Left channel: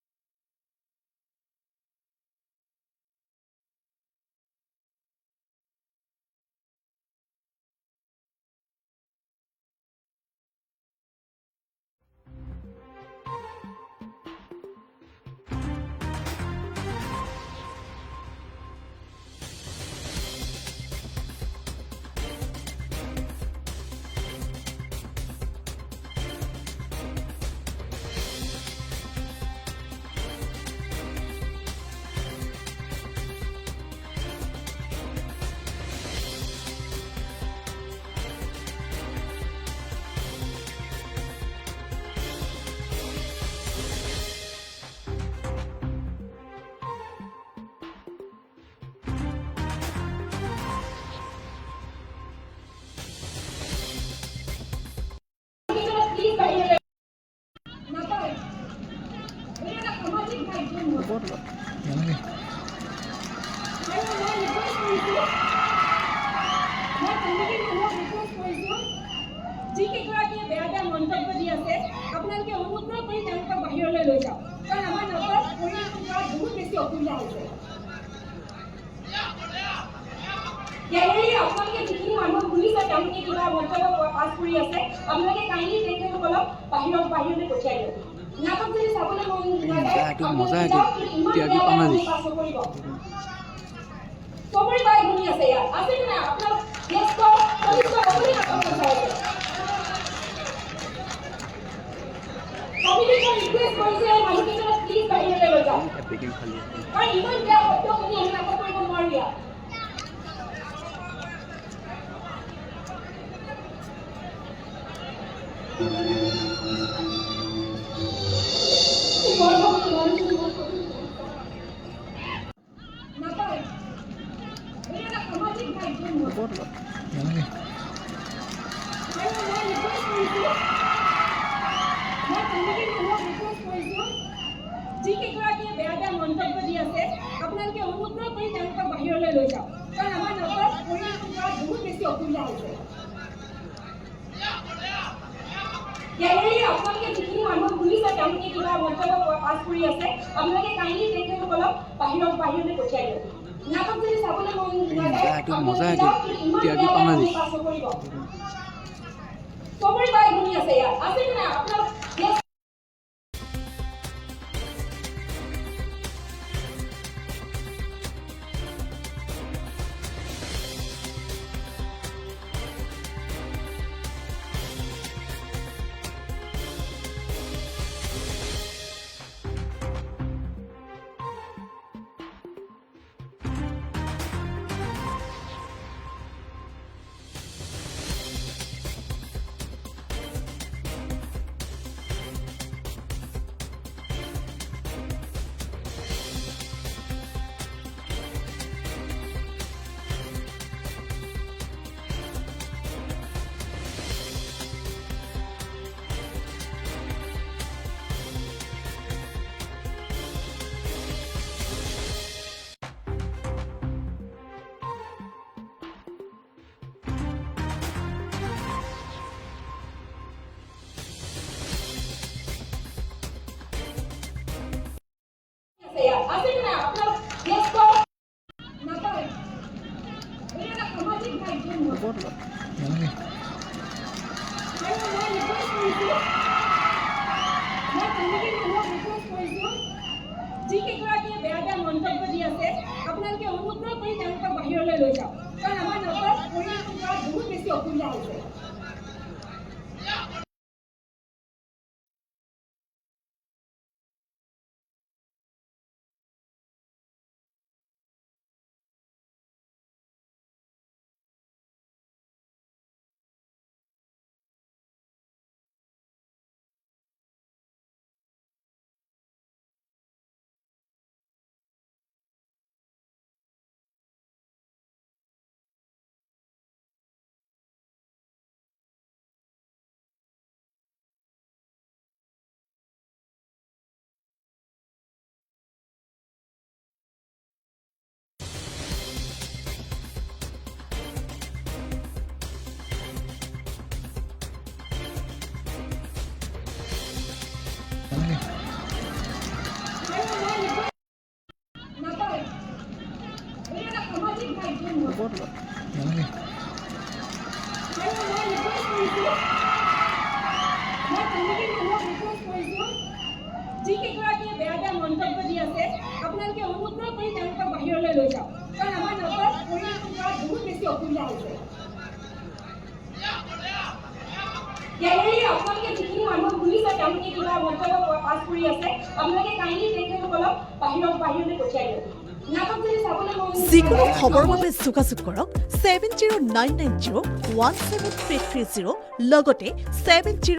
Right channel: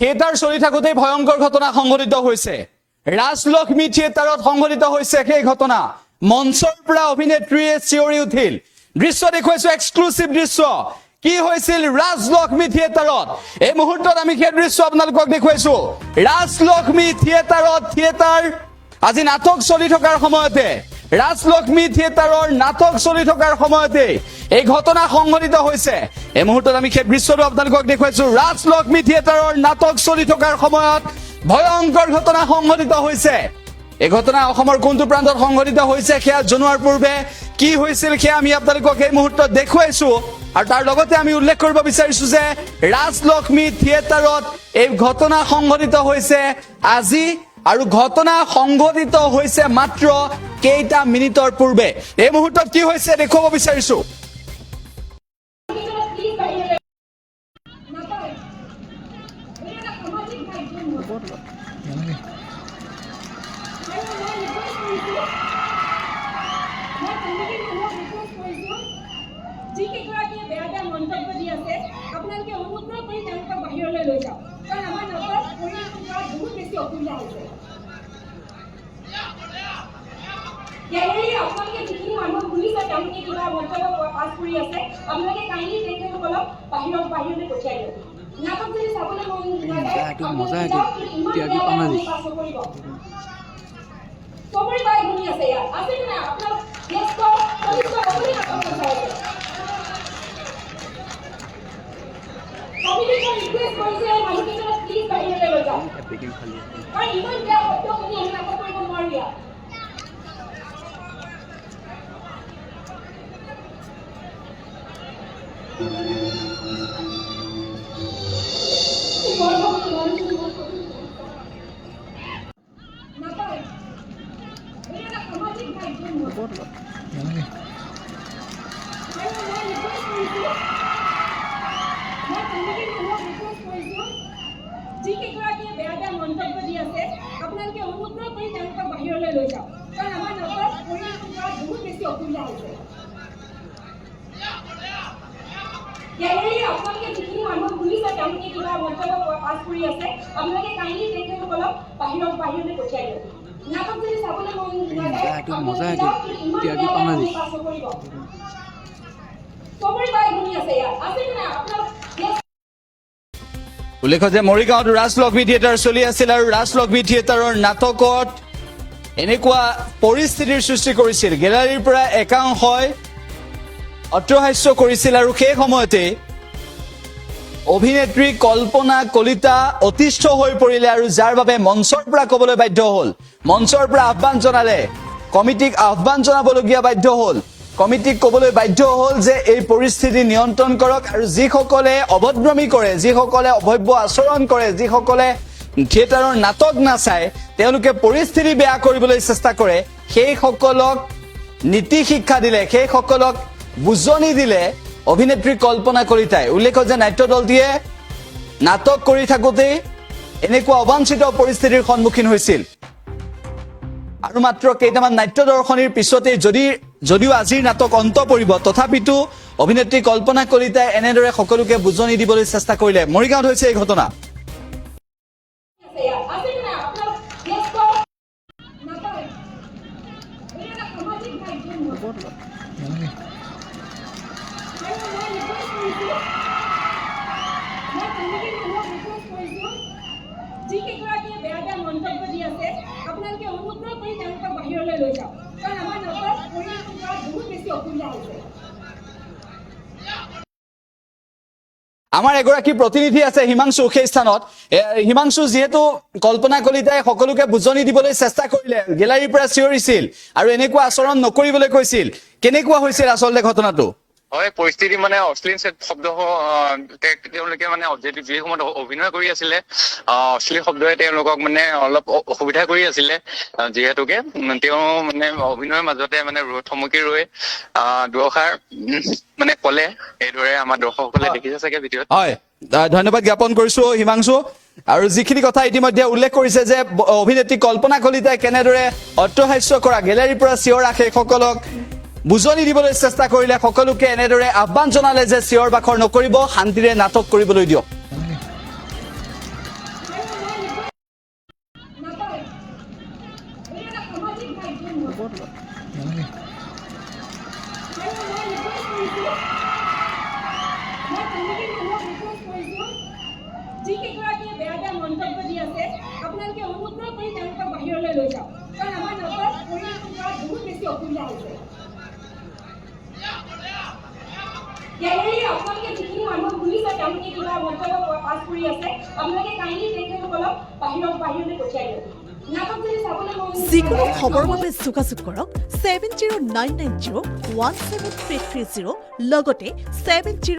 theatre চলি থাকোঁতে ভয়ংকৰ ঘটনা সংঘটিত হৈছে ৰাজলক্ষ্মী থিয়েটাৰত সংঘটিত হৈছে সেই ঘটনা মঞ্চৰ পৰা অভিনেত্ৰীয়ে চিঞৰি উঠিল দৃশ্য দেখুৱাইছো এক্সক্লুসিভ দৃশ্য কি হৈছিল ৰাজলক্ষ্মী থিয়েটাৰত এই মুহূৰ্তত আমি সেই দৃশ্য আপোনালোকক দেখুৱাইছো ৰাজলক্ষ্মী থিয়েটাৰত থিয়েটাৰ আজি নাটক চলি থকাৰ সময়তে ৰাজলক্ষ্মী থিয়েটাৰৰ নাটক চলি থকাৰ সময়তে এই ঘটনা সংঘটিত হৈছে এই মুহূৰ্তত আমি সেই দৃশ্যটো আপোনালোকক দেখুৱাইছো ৰাজলক্ষ্মী থিয়েটাৰৰ নাটক চলি থকাৰ সময়ত ভয়ংকৰ ঘটনা সংঘটিত হৈছে এই ঘটনা অসমৰ কোনটো প্ৰান্তত সংঘটিত হৈছে সেয়া জনোৱাৰ পূৰ্বে কি হৈছিল সেয়া আমি আপোনালোকক এই মুহূৰ্তত দেখুৱাইছো আৰু তাৰ লগতে আমি উল্লেখ কৰিব বিচাৰিছো যে ৰাজলক্ষ্মী থিয়েটাৰত এই ঘটনা সংঘটিত হৈছে আজি আৰু ঘটনা সংঘটিত হৈছে মাত্ৰ কেইটা মিনিটৰ পূৰ্বে এই মুহূৰ্তত কি হৈছে দেখুৱাব বিচাৰিছো আপোনালোকে অনুগ্ৰহ কৰি তেওঁলোকক বাহিৰলৈ লৈ যাওক কাৰণ আমাৰ নাটক পৰিৱেশ বহুত বেছি অসুবিধা হৈছে আপোনালোকে যিখিনি মানুহ শুনিছে তেওঁলোকে কিবা মন্তব্য পাছ কৰি আছে আপোনালোকে কাইণ্ডলি তেখেতসকলক বাহিৰলৈ পঠিয়াই দিয়ক নাটক যদি চাবলৈ মন চবৰে বাই শুনি আছে ইয়াত আছে নে আপোনালোক ব্যস্ত কমিটিখন ৰিকুৱেষ্ট কৰিছে মানুহকেইজনক প্লিজ বাহিৰলৈ লৈ যাওক কাৰণ ইমান বেয়া শব্দ শুনি আমি নাটক কৰিব নোৱাৰো ইয়াত যিকেইগৰাকীয়ে বেয়া বেয়া মন্তব্য দি আছে আপোনালোকে অনুগ্ৰহ কৰি তেওঁলোকক বাহিৰলৈ লৈ যাওক কাৰণ আমাৰ নাটক পৰিৱেশ বহুত বেছি অসুবিধা হৈছে আপোনালোকে যিখিনি মানুহ শুনিছে তেওঁলোকে কিবা মন্তব্য পাছ কৰি আছে আপোনালোকে কাইণ্ডলি তেখেতসকলক বাহিৰলৈ পঠিয়াই দিয়ক নাটক যদি চাবলৈ মন চবৰে বাই শুনি আছে ইয়াত আছে নে আপোনালোক উল্লেখ্য যে মৰিগাঁৱত ৰাজলক্ষ্মী থিয়েটাৰ চলি আছিল আৰু ৰাজলক্ষ্মী থিয়েটাৰৰ নাটকত এনেকুৱা পৰিস্থিতিৰ সৃষ্টি কৰিছিল গেলাৰীৰ পৰা একাংশই অট্টহাস্য কৰিছিল আৰু সেই সময়তে অভিনেত্ৰী কল্পনা কলিতা অতিষ্ঠ হৈ পৰিলে আৰু যাৰ বাবে মঞ্চৰ পৰা ক'বলৈ বাধ্য হ'ল মঞ্চৰ পৰা আহ্বান জনালে কমিটিক আহ্বান জনাবলগীয়া বাধ্য হ'ল কমিটিক ক'বলৈ বাধ্য হ'ল যে এই পৰিস্থিতি নিয়ন্ত্ৰণ কৰক আৰু যিসকলে অভদ্ৰামী কৰে যিসকলে অভব্য আচৰণ কৰে যিসকলে থিয়েটাৰৰ নাটক নাচায় তেওঁলোকে পৰিস্থিতি বেয়া কৰিবলৈ চেষ্টা কৰে সেইসকলক নীতি শিক্ষা দিলে সেইসকলক বুজনি দিলে অভিনেত্ৰী কল্পনা কলিতাই উল্লেখ যে নাট্য দলটিয়ে নাটক কৰি থাকোঁতে এনেকুৱা অবাঞ্ছিত পৰিস্থিতিৰ সন্মুখীন হৈছিল আৰু মাত্ৰ কেইটামান নাট্য দৰ্শনীৰ পিছতে যদিও আজিৰ নাটক অন্ত পৰিব তথাপিতো অভিনেত্ৰী কল্পনা কলিতাই এনেদৰে সকলোকে বুজনি দিবলৈ চেষ্টা কৰিলে মৰিগাঁৱত হৈছে এই ঘটনা যিকেইগৰাকীয়ে বেয়া বেয়া মন্তব্য দি আছে আপোনালোকে অনুগ্ৰহ কৰি তেওঁলোকক বাহিৰলৈ লৈ যাওক কাৰণ আমাৰ নাটক পৰিৱেশ বহুত বেছি অসুবিধা হৈছে আমাৰ এগৰাকী প্ৰতিনিধি আছে হিমাংশু সেই স্থানত হিমাংশু যিহেতু কল্পনা কলিতাই সকলোকে বুজনি দিবলৈ চেষ্টা কৰিলে গেলাৰীৰ পৰা চিঞৰিছিল আৰু এনেকুৱা আচৰণ নকৰিবলৈ কৈছিল কেনেকুৱা হৈছিল আচলতে ঘটনাটো হয় পৰিস্থিতি মানে অশ্লীল শব্দ তেওঁলোকে মানে যি সময়ত অভিনয় কৰি আছিলে অশ্লীল শব্দৰে তেওঁলোকক মানে অলপ অসুবিধা কৰি আছিলে যিহেতুকে তেওঁ মানে অভিনয়ৰ মাজতে মানে থমকি ৰৈ দুআষাৰ মানে ক'লে এইদৰে আমাৰ দৰ্শকসকলে দেখিছে চাগে ভিডিঅ'ত হয় ধন্যবাদ জ্ঞাপন কৰিছো হিমাংশু আৰু যিখিনি কথা ইতিমধ্যে উল্লেখ কৰিছে যে অভিনেত্ৰী কল্পনা কলিতাই কেনেদৰে অট্টহাস্য কৰা গেলাৰীৰ পৰা চিঞৰা সেইসকলক বুজনি দিবলৈ চেষ্টা কৰিলে সকলোকে এনেদৰে আহ্বান জনালে যে চিঞৰ বাখৰ নকৰিব শান্তিৰে নাটক কৰিবলৈ দিয়ক যিকেইগৰাকীয়ে বেয়া বেয়া মন্তব্য দি আছে আপোনালোকে অনুগ্ৰহ কৰি তেওঁলোকক বাহিৰলৈ লৈ যাওক কাৰণ আমাৰ নাটক পৰিৱেশন কৰাত বহুত বেছি অসুবিধা হৈছে গেলেৰী আপোনালোকে যিখিনি মানুহ শুনিছে তেওঁলোকে কিবা মন্তব্য পাছ কৰি আছে আপোনালোকে কাইণ্ডলি তেখেতসকলক বাহিৰলৈ পঠিয়াই দিয়ক নাটক যদি চাবলৈ মন যিকোনো খবৰৰ বাবে যোগাযোগ কৰক 7099901730 লগতে 70